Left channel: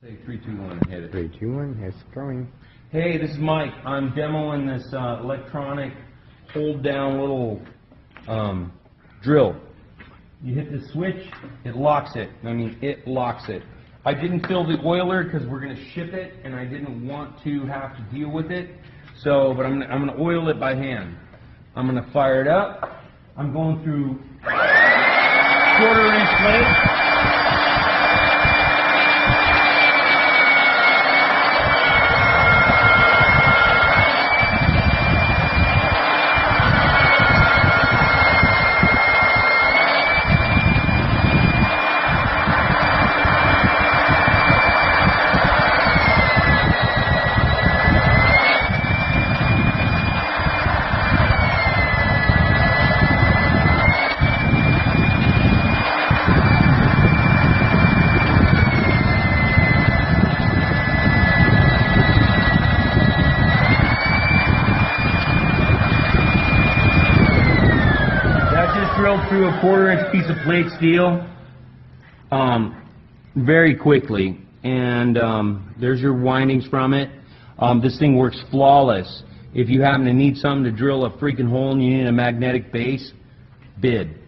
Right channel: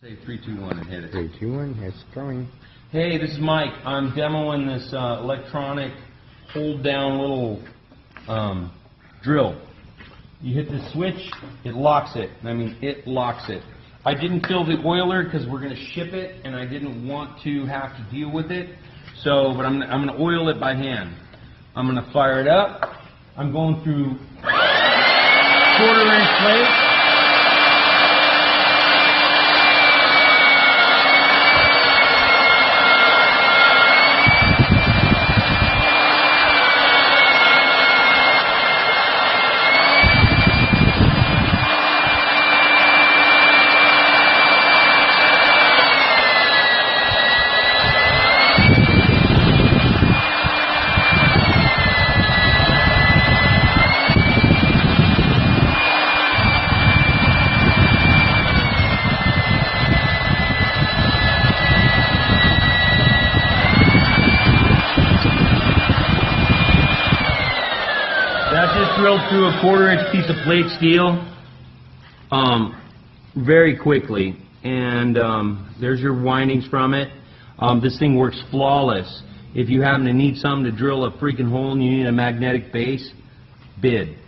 Say 3, 2, 1, hit it. 3, 2, 1, it's going. Hey, this is Mike. I'm demoing this electronic hold-down little drill. You hit the switch, it locks it. I mean, it locks it. I didn't fill the oiler because we're going to ship it, and I didn't want to have to deal with it. So, but I'm going to oil it by hand. I'm going to fire it up. I'm going through 1/4-inch plates. That just drilled through a 1/4-inch piece of plate steel very quickly, and there's your windings from it. This thing works flawless. If you happen to need something to drill a freaking hole and you need a magnetic base, bid.